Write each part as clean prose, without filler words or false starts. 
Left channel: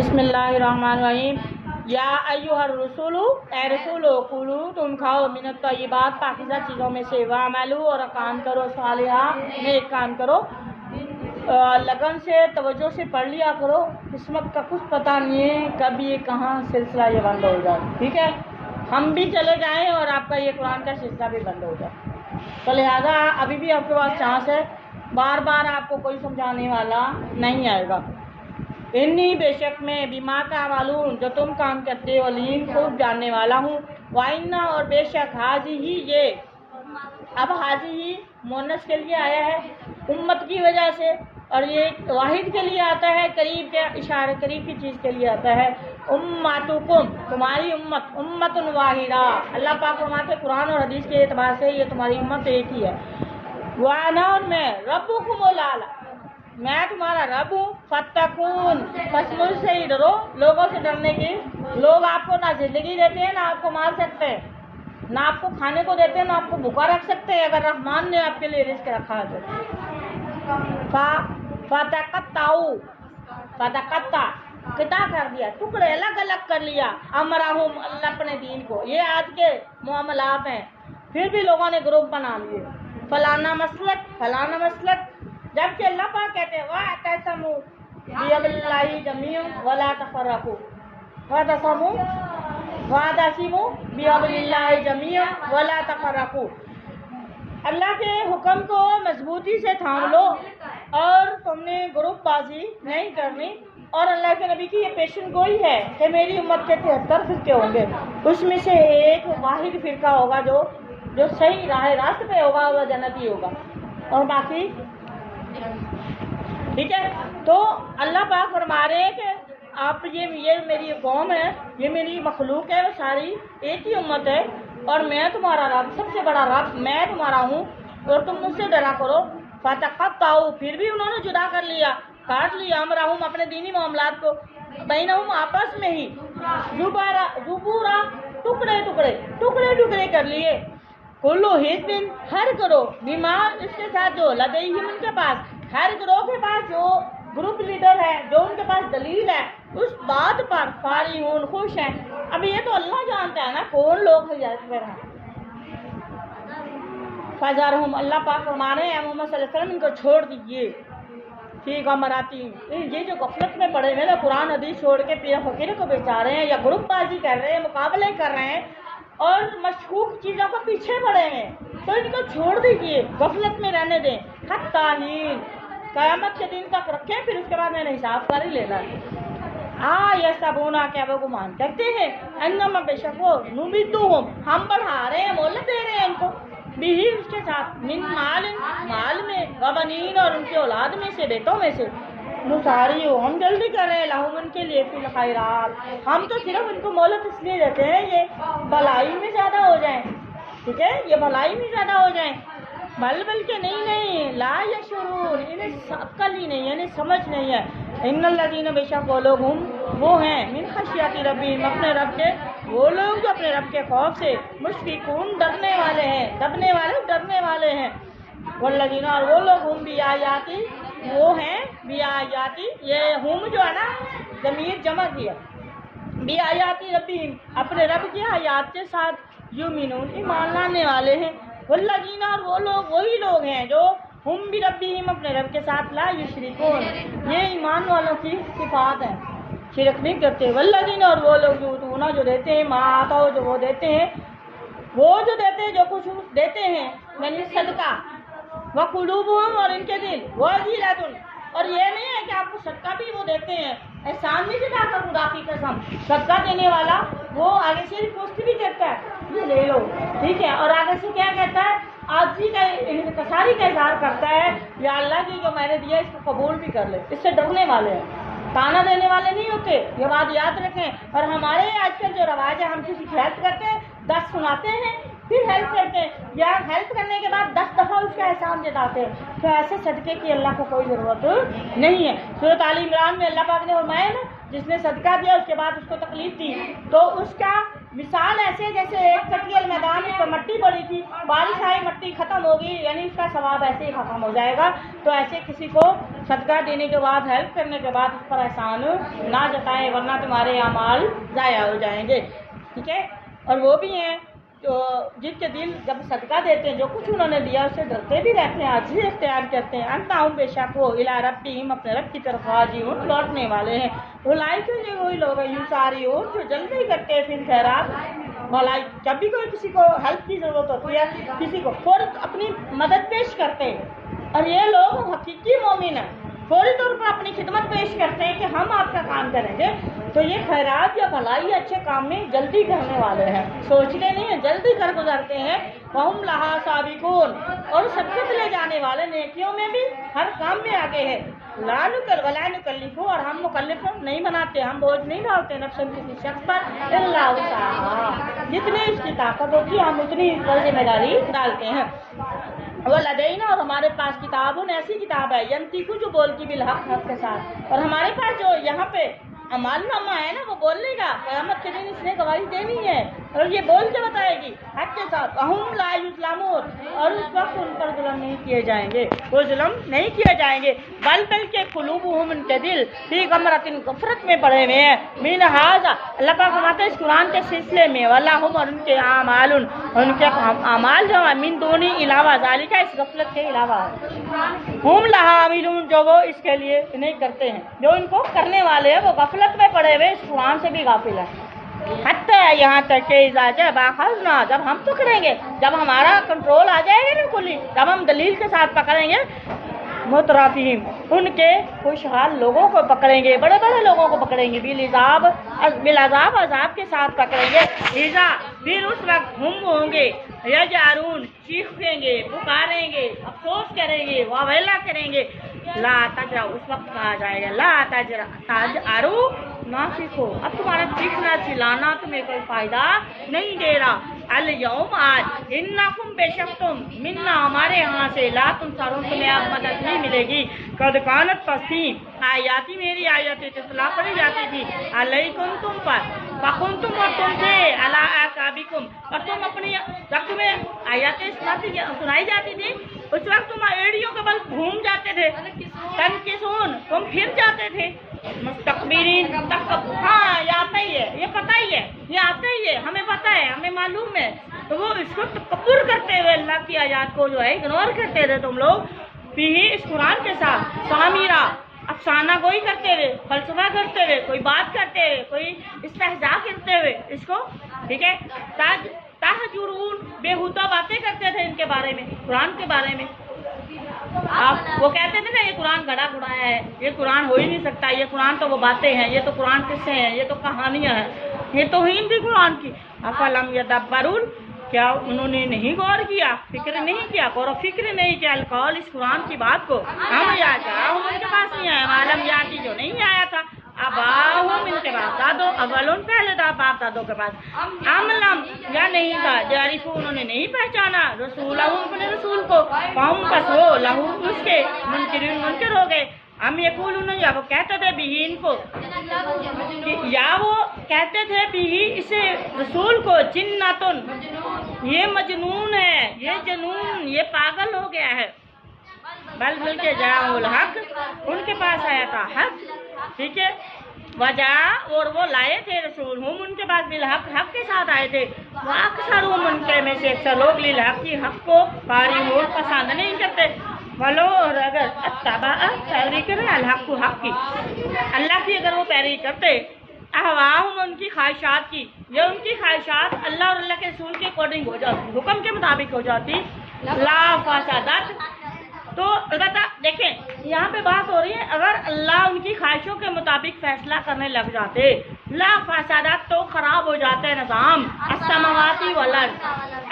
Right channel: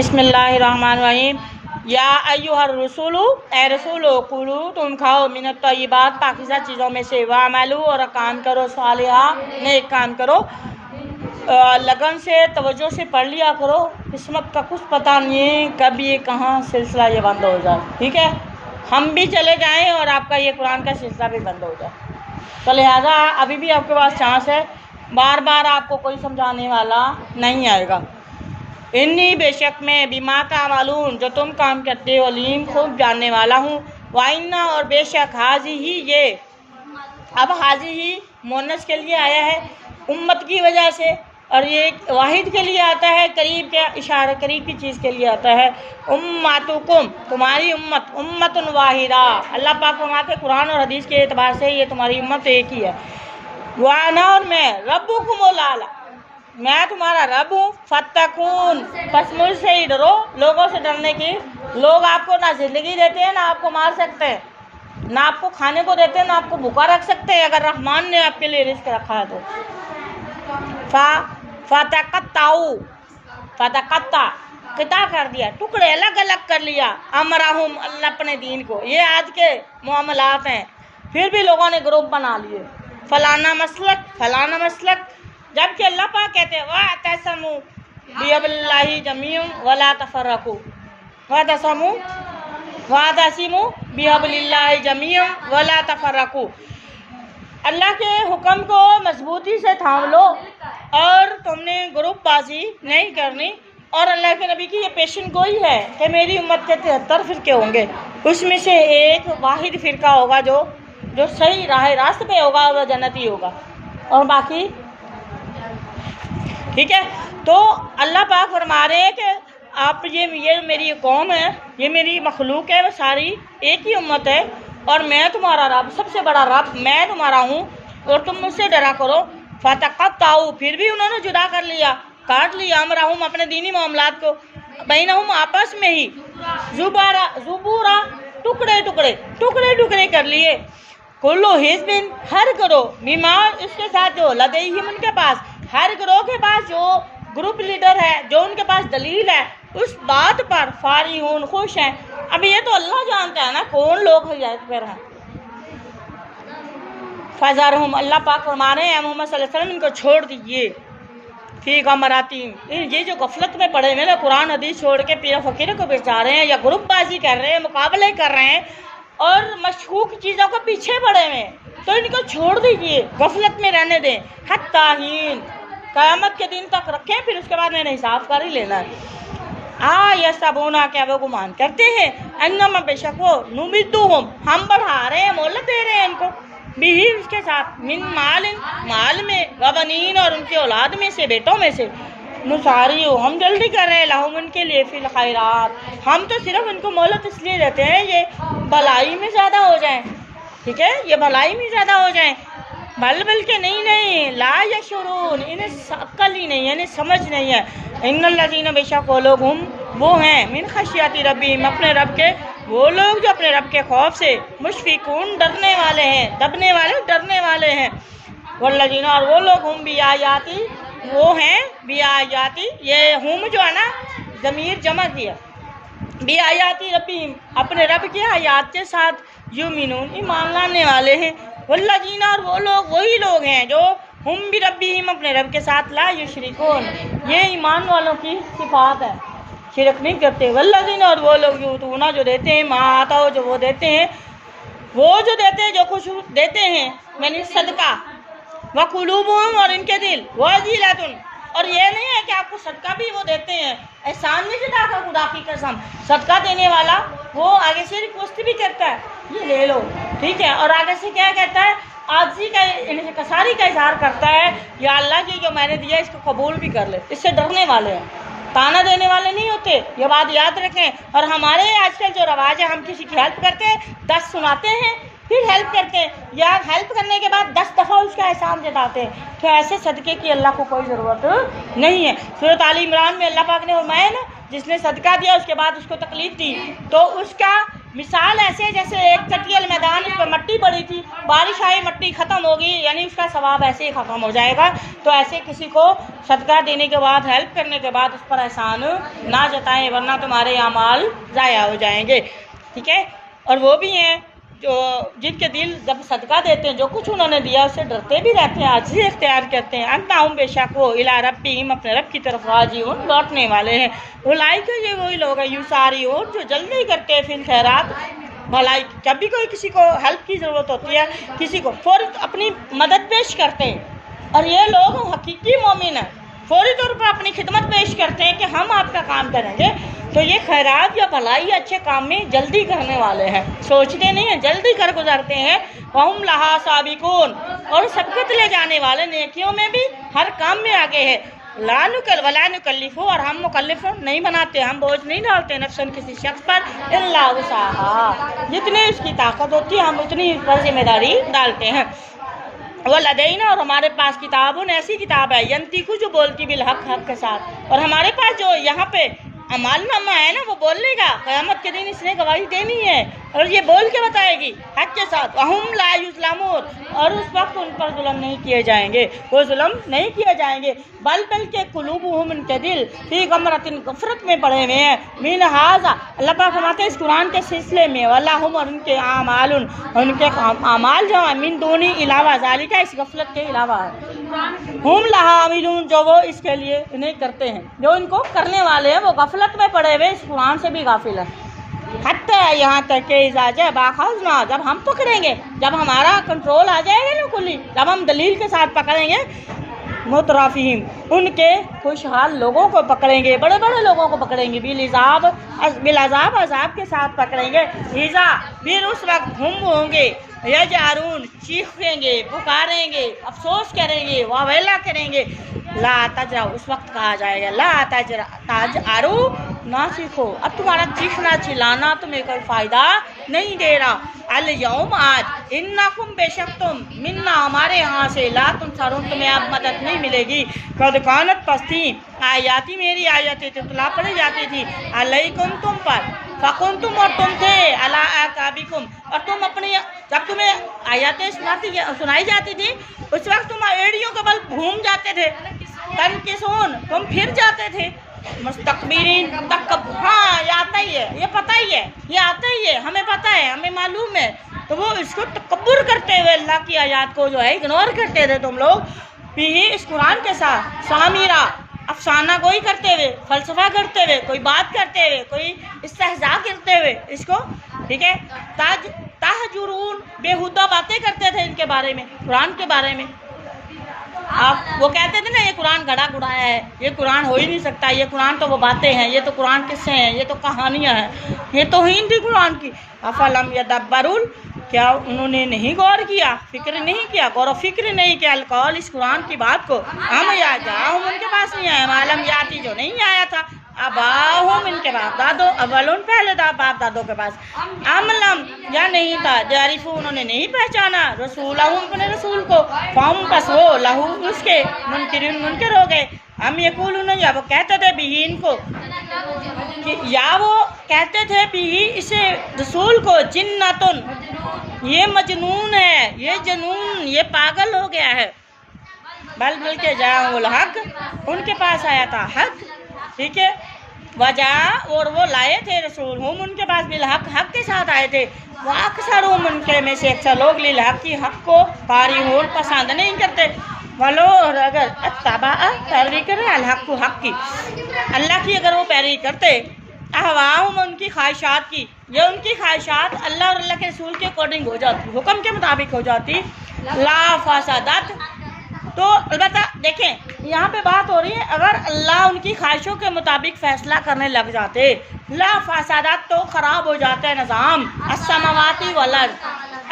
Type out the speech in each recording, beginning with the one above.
بسم اللہ الرحمن الرحیم۔ یا ایھا الرسول، اے رسولو، کلو تم کھاؤ من الطیبات پاکیزہ چیزوں میں سے، وعملو اور کام کرو صالحا نیک کام کرو، لگن سے توجہ سے پڑھ لیا کرو، قسمت کا کچھ پتہ نہیں ہے کب یہ کہاں سلسلہ یہ بند ہو جائے، ٹھیک ہے، ہم بھی چلے جائیں اور آپ کا یہ قرآن کا سلسلہ بھی بند ہو جائے، تو لہٰذا ابھی بھی آپ کے پاس چانس ہے، بار بار آپ کو کوئی سمجھانے والا نہیں آئے گا۔ انی بے شک میں بما تعملون جو تم کام کرتے ہو علیم خوب جاننے والا ہوں، وَإِنَّ اور بے شک حاضی ہی یہ، اب حاضی ہی مونس کے لیے آیا ہے امت کی وجہ سے، اور یہ واحد کے لیے آتا ہے قریب کا اشارہ، قریب کی چیز کے لیے آتا ہے، امتکم تمہاری امت، امت واحدہ، اللہ پاک فرماتے ہیں قرآن اور حدیث کے اعتبار سے یہ تمہاری امت ایک ہی ہے، وَأَنَا اور میں ربکم الاعلی میں تمہارا رب ہوں، فاتقون پس مجھ سے ہی ڈرو، لوگوں سے ڈرنے کی، لوگ آپ کو نہ زندگی دیتے ہیں نہ آپ کو مار سکتے ہیں، نہ آپ کو کھانے کو دیتے ہیں نہ آپ کو بھوکا رکھ سکتے ہیں، اگر رحمان نے آپ کے لیے رزق رکھا ہے تو فتقطعوا فتقطع قطع کر دیا، ٹکڑے الگ الگ کر لیا، امرہم اللہ اپنے دین کو، یہ آج کے معاملات ہیں، پھر بھی لوگوں نے گروپ بنا لیے، فلانا مسلک، جبکہ اللہ پاک کہتے ہیں وَاعْتَصِمُوا بِحَبْلِ اللَّهِ جَمِيعًا وَلَا تَفَرَّقُوا، وَاعْتَصِمُوا بِحَبْلِ اللَّهِ جَمِيعًا وَلَا تَفَرَّقُوا، اللہ کے حکم کو مضبوطی سے تھام لو اور تم نے گروپ بازی نہیں کرنی، اور اللہ کے نبی کی یہ پیشن گوئی ہے کہ میری امت کے 73 فرقے ہوں گے، اس میں سے ایک واحد فرقہ ہوگا جو صحیح راست پہ ہوگا، وہ جنتی ہوگا، اور باقی ٹھیک ہے۔ تو اللہ پاک فرما رہے ہیں کہ آپ یہ میری قوم ہے، یہ میری مخلوق ہے، وہ ساری ایک ہی امت ہے، اور میں تمہارا رب، سب سے بڑا رب میں تمہارا ہوں، اور تم مجھ سے ڈرا کرو، فتقطعوا پھر بھی انہوں نے جدا کر لیا، کاٹ لیا، امرہم اپنے دینی معاملات کو، بینہم آپس میں ہی، زبورا ٹکڑے کر لیے، کلو حزب ہر گروہ بما اس کے ساتھ جو لدیہم ان کے پاس، ہر گروہ کے پاس جو گروپ لیڈر ہے، جو ان کے پاس دلیل ہے، اس بات پر فارحون خوش ہیں۔ اب یہ تو اللہ جانتا ہے نا کون لوگ ہدایت پر ہیں۔ فذرہم اللہ پاک فرما رہے ہیں محمد صلی اللہ علیہ وسلم ان کو چھوڑ دیجئے، فی غمراتہم یہ جو غفلت میں پڑے ہوئے نا، قرآن حدیث چھوڑ کے پیر فقیر کو بیچا رہے ہیں، یا گروپ بازی کر رہے ہیں، مقابلے کر رہے ہیں، اور مشکوک چیزوں کو پیچھے پڑے ہوئے ہیں، تو ان کو چھوڑ دیجئے، غفلت میں رہنے دیں، حتی حین قیامت کے دن تک رکھیں، پھر اس کے بعد میں نے حساب کر ہی لینا ہے۔ یحسبون کیا وہ گمان کرتے ہیں، انما بے شک وہ نمدہم ہم بڑھا رہے ہیں، مہلت دے رہے ہیں ان کو، بھی اس کے ساتھ، من مال میں، وبنین اور ان کی اولاد میں سے، بیٹوں میں سے، نساریو ہم جلدی کر رہے ہیں، لہم ان کے لیے فی الخیرات، ہم تو صرف ان کو مہلت اس لیے دیتے ہیں یہ بھلائی میں زیادہ ہو جائیں، ٹھیک ہے، یہ بھلائی میں زیادہ ہو جائیں، بلکہ نہیں لا یشعرون انہیں عقل ہی نہیں ہے، انہیں سمجھ نہیں ہے، ان الذین بے شک وہ لوگ ہم وہ ہیں، من خشیت ربہم اپنے رب کے، وہ لوگ جو اپنے رب کے خوف سے مشفقون ڈرنے والے ہیں، ڈرنے والے ہیں، والذین اور وہ لوگ ہم بیااتی وہ ہیں، بیااتی یہ ہم جو ہے نا ضمیر جمع کیا، بیااتی ربہم اپنے رب کی آیات کے ساتھ، یؤمنون ایمان لانے والے ہیں، والذین اور وہ لوگ وہی لوگ ہیں جو ہم بربہم اپنے رب کے ساتھ لا یشرکون یہ ایمان والوں کی صفات ہے، شرک نہیں کرتے، والذین اور وہ لوگ یؤتون جو دیتے ہیں، ما آتوا جو وہ دیتے ہیں، جو کچھ دیتے ہیں، یعنی صدقہ، وقلوبہم اور ان کے دل، وجلۃ اور یہ نہیں ہے کہ آپ کو صدقہ بھی وہ دیتے ہیں، احسان نہیں جتا کر خدا کی قسم، صدقہ دینے والا وہ آگے سے ریکویسٹ بھی کرتا ہے یہ لے لو، ٹھیک ہے، اور آگے سے کیا کہتا ہے، عاجزی کا کساری کا اظہار کرتا ہے، یا اللہ کی جو میں نے دیا اس کو قبول بھی کر لے، اس سے ڈرنے والے ہیں، تانا دینے والے نہیں ہوتے، یہ بات یاد رکھیں، اور ہمارے آج کل جو رواج ہے ہم کسی کی ہیلپ کرتے ہیں، 10 سناتے ہیں، پھر ہیلپ کرتے ہیں، یا ہیلپ کرنے کے بعد 10 دفعہ اس کا احسان جتاتے ہیں، تو ایسے صدقے کی اللہ کو کوئی ضرورت نہیں ہے۔ سورۃ آل عمران میں اللہ پاک نے فرمایا نا، جس نے صدقہ دیا اس کے بعد اس کو تکلیف دی تو اس کا مثال ایسے جیسے ایک چٹیل میدان اس پہ مٹی پڑی تھی، بارش آئی مٹی ختم ہوگی، یعنی اس کا ثواب ایسے ہی ختم ہو جائے گا۔ تو ایسے کسی کو صدقہ دینے کے بعد، ہیلپ کرنے کے بعد اس پر احسان نہ جتائیں، ورنہ تمہارے اعمال ضائع ہو جائیں گے، ٹھیک ہے۔ اور وہ بھی ہیں جو جن کے دل جب صدقہ دیتے ہیں، جو کچھ انہوں نے دیا اس سے ڈرتے بھی رہتے ہیں، عاجزی اختیار کرتے ہیں۔ انہم بے شک وہ الی ربہم اپنے رب کی طرف راجعون لوٹنے والے ہیں۔ اولئک یہ وہی لوگ ہیں یسارعون جو جلدی کرتے ہیں فی الخیرات بھلائی، جب بھی کوئی کسی کو ہیلپ کی ضرورت ہوتی ہے، کسی کو فوراً اپنی مدد پیش کرتے ہیں۔ اور یہ لوگ حقیقی مومن ہیں، فوری طور پر اپنی خدمت پیش کرتے ہیں کہ ہم آپ کا کام کریں گے۔ تو یہ خیرات یا بھلائی یا اچھے کام میں جلدی کرنے والے ہیں، سوچتے نہیں ہیں، جلدی کر گزارتے ہیں۔ وَهُمْ لَهَا سَابِقُونَ اور سبقت لے جانے والے، نیکیوں میں بھی ہر کام میں آگے ہے۔ وَلَا نُكَلِّفُ اور ہم مکلف نہیں بناتے، ہم بوجھ نہیں ڈالتے نفساً کسی شخص پر الا وسعها، جتنی اس کی طاقت ہوتی ہے ہم اتنی پر ذمہ داری ڈالتے ہیں۔ وَلَدَيْنَا اور ہمارے پاس کتابٌ ایسی کتاب ہے، ینطق جو بولتی بالحق، حق کے ساتھ۔ اور ہمارے پاس جو یہاں پہ اعمال نامہ ہے نا، وہ بولنے کا، قیامت کے دن اس نے گواہی دینی ہے اور یہ بول کے بتائے گی حق کے ساتھ۔ وَهُمْ لَا يُظْلَمُونَ اور اس وقت ان پر ظلم نہیں کیے جائیں گے، وہ ظلم نہیں کیے جائیں گے۔ بلکہ قلوبہم ان کے دل فی غمرۃ غفلت میں پڑے ہوئے ہیں، من ھذا اللہ پاک فرماتے ہیں اس قرآن کے سلسلے میں، وَلَہُمْ اور ان کے اعمال، ان کے اعمال جو ہیں من دون علاوہ ذالک اس غفلت کے علاوہ، ہم لہا عاملون جو وہ اس کے لیے نہیں کرتے ہیں، جو ان کو کرنے والے ہیں وہ غفلت میں پڑے ہوئے اس قرآن سے بھی غافل ہیں۔ حتیٰ یہاں تک کہ اذا جاء باخذنا جب ہم پکڑیں گے، جب ہمارا کنٹرول آ جائے گا نا کلی، جب ہم دلیل کے ساتھ پکڑیں گے، مترافیم ان کے خوشحال لوگوں کو پکڑیں گے، بڑے بڑے لوگوں کو پکڑیں گے، بالعذاب عذاب کے ساتھ پکڑیں گے۔ اذا پھر اس وقت ہم ہوں گے، یجعرون چیخیں گے، پکاریں گے، افسوس کریں گے، واویلا کریں گے۔ لا تجرا اس وقت کہا جائے گا لا تجارو نہ چیخو، اب تمہارا چیخنا چلانا تمہیں کوئی فائدہ نہیں دے رہا۔ الیوم آج انکم بے شک تم منا ہمارے ہاں سے لا تنصرون تمہیں اب مدد نہیں ملے گی۔ قد کانت پستی آیاتی میری آیتیں تتلا پڑھی جاتی تھی علیکم تم پر، فکنتم اور تم تھے علی اعقابکم اور تم اپنی جب تمہیں آیاتیں سنائی جاتی تھی اس وقت تم ایڑیوں کے بل گھوم جاتے تھے، تنکسون تم پھر جاتے تھے، مستقبرین ہاں یہ آتا ہی ہے، یہ پتہ ہی ہے، یہ آتا ہی ہے، ہمیں پتہ ہے، ہمیں معلوم ہے۔ تو وہ اس کو تکبر کرتے ہوئے اللہ کی آیات کو جو ہے اگنور کرتے تھے تم لوگ، بھی اس قرآن کے ساتھ سامیرہ افسانہ گوئی کرتے ہوئے، فلسفہ کرتے ہوئے، کوئی بات کرتے ہوئے، کوئی استہزاء کرتے ہوئے اس کو، ٹھیک ہے، تہجرون بےہودہ باتیں کرتے تھے ان کے بارے میں، قرآن کے بارے میں۔ آپ وہ کہتے تھے نا یہ قرآن گھڑا گھڑایا ہے، یہ قرآن ہو ہی نہیں سکتا، یہ قرآن تو وہ باتیں ہیں، یہ تو قرآن قصے ہیں، یہ تو کہانیاں ہیں، یہ توہین تھی قرآن کی۔ افلم یدبرون کیا انہوں نے نہیں غور کیا، فکر نہیں کیا، غور و فکر نہیں کیا القول اس قرآن کی بات کو، ہم یا جاؤ ان کے پاس نہیں آیا، معلوم جاتی جو نہیں آیا تھا اباہم ان کے باپ دادوں، اولون پہلے تھا باپ دادوں کے پاس، املم یا نہیں تھا، جارفو انہوں نے نہیں پہچانا رسولہم اپنے رسول کو، فہم پس وہ لہو اس کے منکرین منکر ہو گئے۔ ہم یقولون یا وہ کہتے تھے بھی ان کو، یا وہ کہتے تھے بھی اسے رسول کو جنتن یہ مجنون ہے، یہ جنون، یہ پاگل ہو گیا ہے۔ بلکہ جاء الحق ان کے پاس آیا تھا حق، ٹھیک ہے، وجہ اور وہ لائے تھے رسول ہم ان کے پاس بالحق، حق کے ساتھ آئے تھے، وہ اکثر ان کے میں سے اکثر لوگ للحق کی حق کو کارہون پسند نہیں کرتے، ولو اور اگر اتبع پیروی کرے الحق کو حق کی، اللہ کی اگر وہ پیروی کرتے، اہواہم ان کی خواہشات کی، یہ ان کی خواہشات اللہ اور اللہ کے رسول کے اکارڈنگ ہو جاتی، حکم کے مطابق ہو جاتی، لا فسادت تو البتہ دیکھیں یہاں پہ بات ہو رہی ہے اگر اللہ ان کی خواہشوں کے مطابق فیصلہ کرنے لگ جاتے، لا فسادات تو خراب ہو جاتا ہے نظام، السماواتی والارض،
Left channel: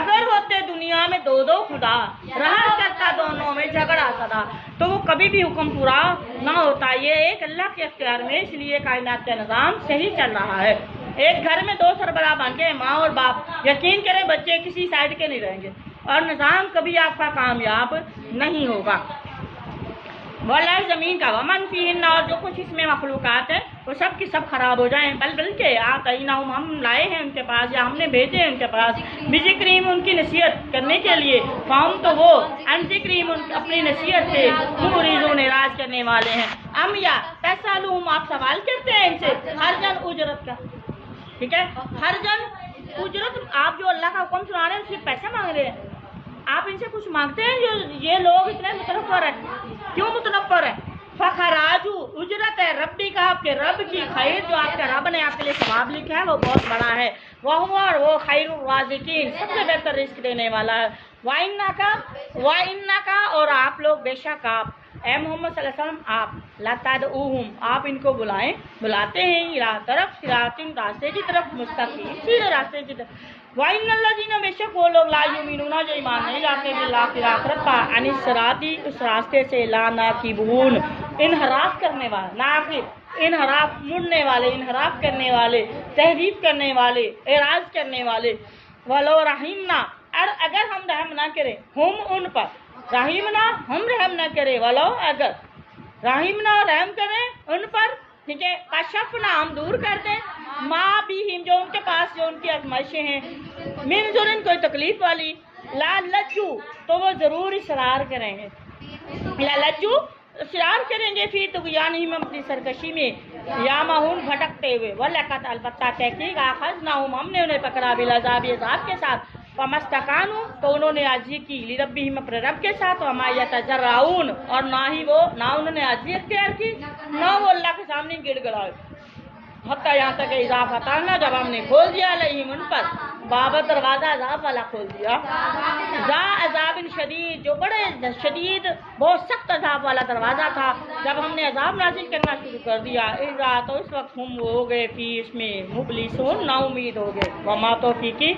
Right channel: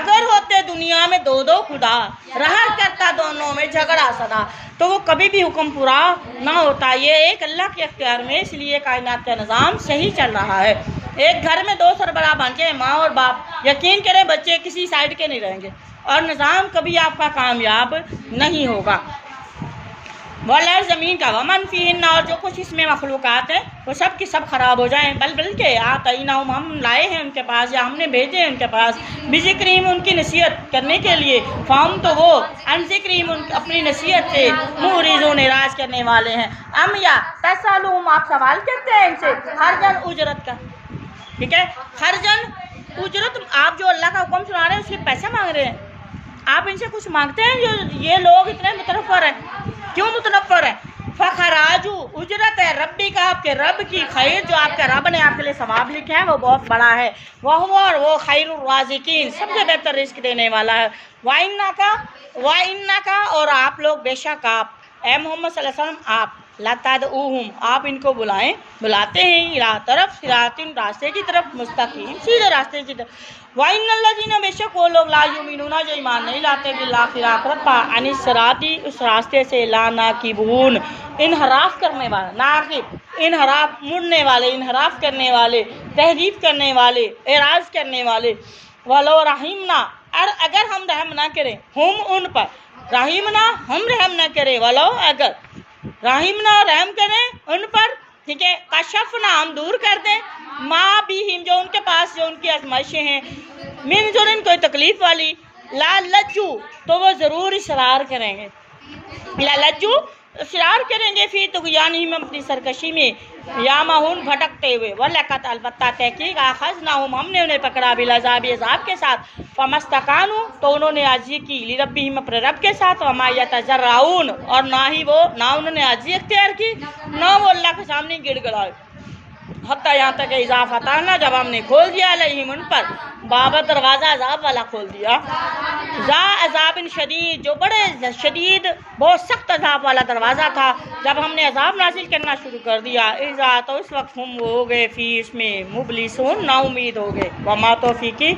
اگر ہوتے دنیا میں دو دو خدا رہا کرتا دونوں میں جھگڑا سدا تو وہ کبھی بھی حکم پورا نہ ہوتا، یہ ایک اللہ کے اختیار میں، اس لیے کائنات کا نظام صحیح چل رہا ہے۔ ایک گھر میں دو سربراہ بن جائیں ماں اور باپ، یقین کریں بچے کسی سائڈ کے نہیں رہیں گے اور نظام کبھی آپ کا کامیاب نہیں ہوگا۔ والارض زمین کا ومن فیہن اور جو کچھ اس میں مخلوقات ہیں وہ سب کی سب خراب ہو جائیں، بلکہ آتیناہم ہم لائے ہیں ان کے پاس یا ہم نے بھیجے ہیں ان کے پاس بذکرہم ان کی نصیحت کرنے کے لیے، فہم تو وہ عن ذکرہم اپنی نصیحت سے معرضون اعراض کرنے والے ہیں، ام یا تسألہم آپ سوال کرتے ہیں ان سے خرجن اجرت کا، ٹھیک ہے، خرجن اجرت آپ جو اللہ کا حکم سنا رہے ہیں اس کے پیسے مانگ رہے ہیں، آپ ان سے کچھ مانگتے ہیں؟ جو یہ لوگ اتنے متنفر ہیں، کیوں متنفر ہیں؟ فخراجو اجرت ہے ربی کا، آپ کے رب کی خیر جو آپ کے رب نے آپ کے لیے ثواب لکھے ہیں وہ بہت بڑا ہے، وہ خیر الرازقین سب سے بہتر رزق دینے والا ہے، وَإِنَّكَ اور آپ لوگ بے شک آپ اے محمد صلی اللہ علیہ وسلم آپ لَتَدْعُوهُمْ آپ ان کو بلاتے ہیں اِلیٰ طرف صراط راستے کی طرف مستقیم سیدھے راستے کی طرف، وَإِنَّ الَّذِينَ بے شک وہ لوگ لا یؤمنون جو ایمان نہیں لاتے بالآخرہ آخرت پر عن الصراط اس راستے سے لا ناکبون انحراف کرنے والے، ناکب انحراف مڑنے والے، انحراف کرنے والے، تحریف کرنے والے، اعراض کرنے والے، ولو رحمنا اور اگر ہم رحم نہ کریں ہم ان پر، رحمنا ہم رحم نہ کریں، ولو اگر رحمنا رحم کریں ان پر، ٹھیک ہے، کشفنا ہم دور کر دیں ما بہم جو ان کے پاس جو ان کی آزمائشیں ہیں، من ضرن کوئی تکلیف والی، لا لجو تو وہ ضرور اصرار کریں گے، لا لجو اصرار کریں گے فی طغیانہم اپنی سرکشی میں، یامہون بھٹکتے ہوئے، وَلَقَدْ البتہ تحقیق آخذناہم ہم نے انہیں پکڑا بالعذاب عذاب کے ساتھ، فَمَسْتَقَانُوا تو انہوں نے عاجزی کی لِرَبِّہِمْ اپنے رب کے ساتھ، وَمَا يَتَضَرَّعُونَ اور نہ انہوں نے عاجزی اختیار کی، نہ وہ اللہ کے سامنے گڑ گڑائے، حتیٰ یہاں تک کہ اذا فتحنا جب ہم نے کھول دیا علیہم ان پر باب دروازہ عذاب والا کھول دیا، ذا عذاب شدید جو بڑے شدید بہت سخت عذاب والا دروازہ تھا، جب ہم نے عذاب نازل کرنا شروع کر دیا، اذا تو اس وقت ہم وہ ہو گئے فی اس میں مبلسون نا امید ہو گئے، وما توفیقی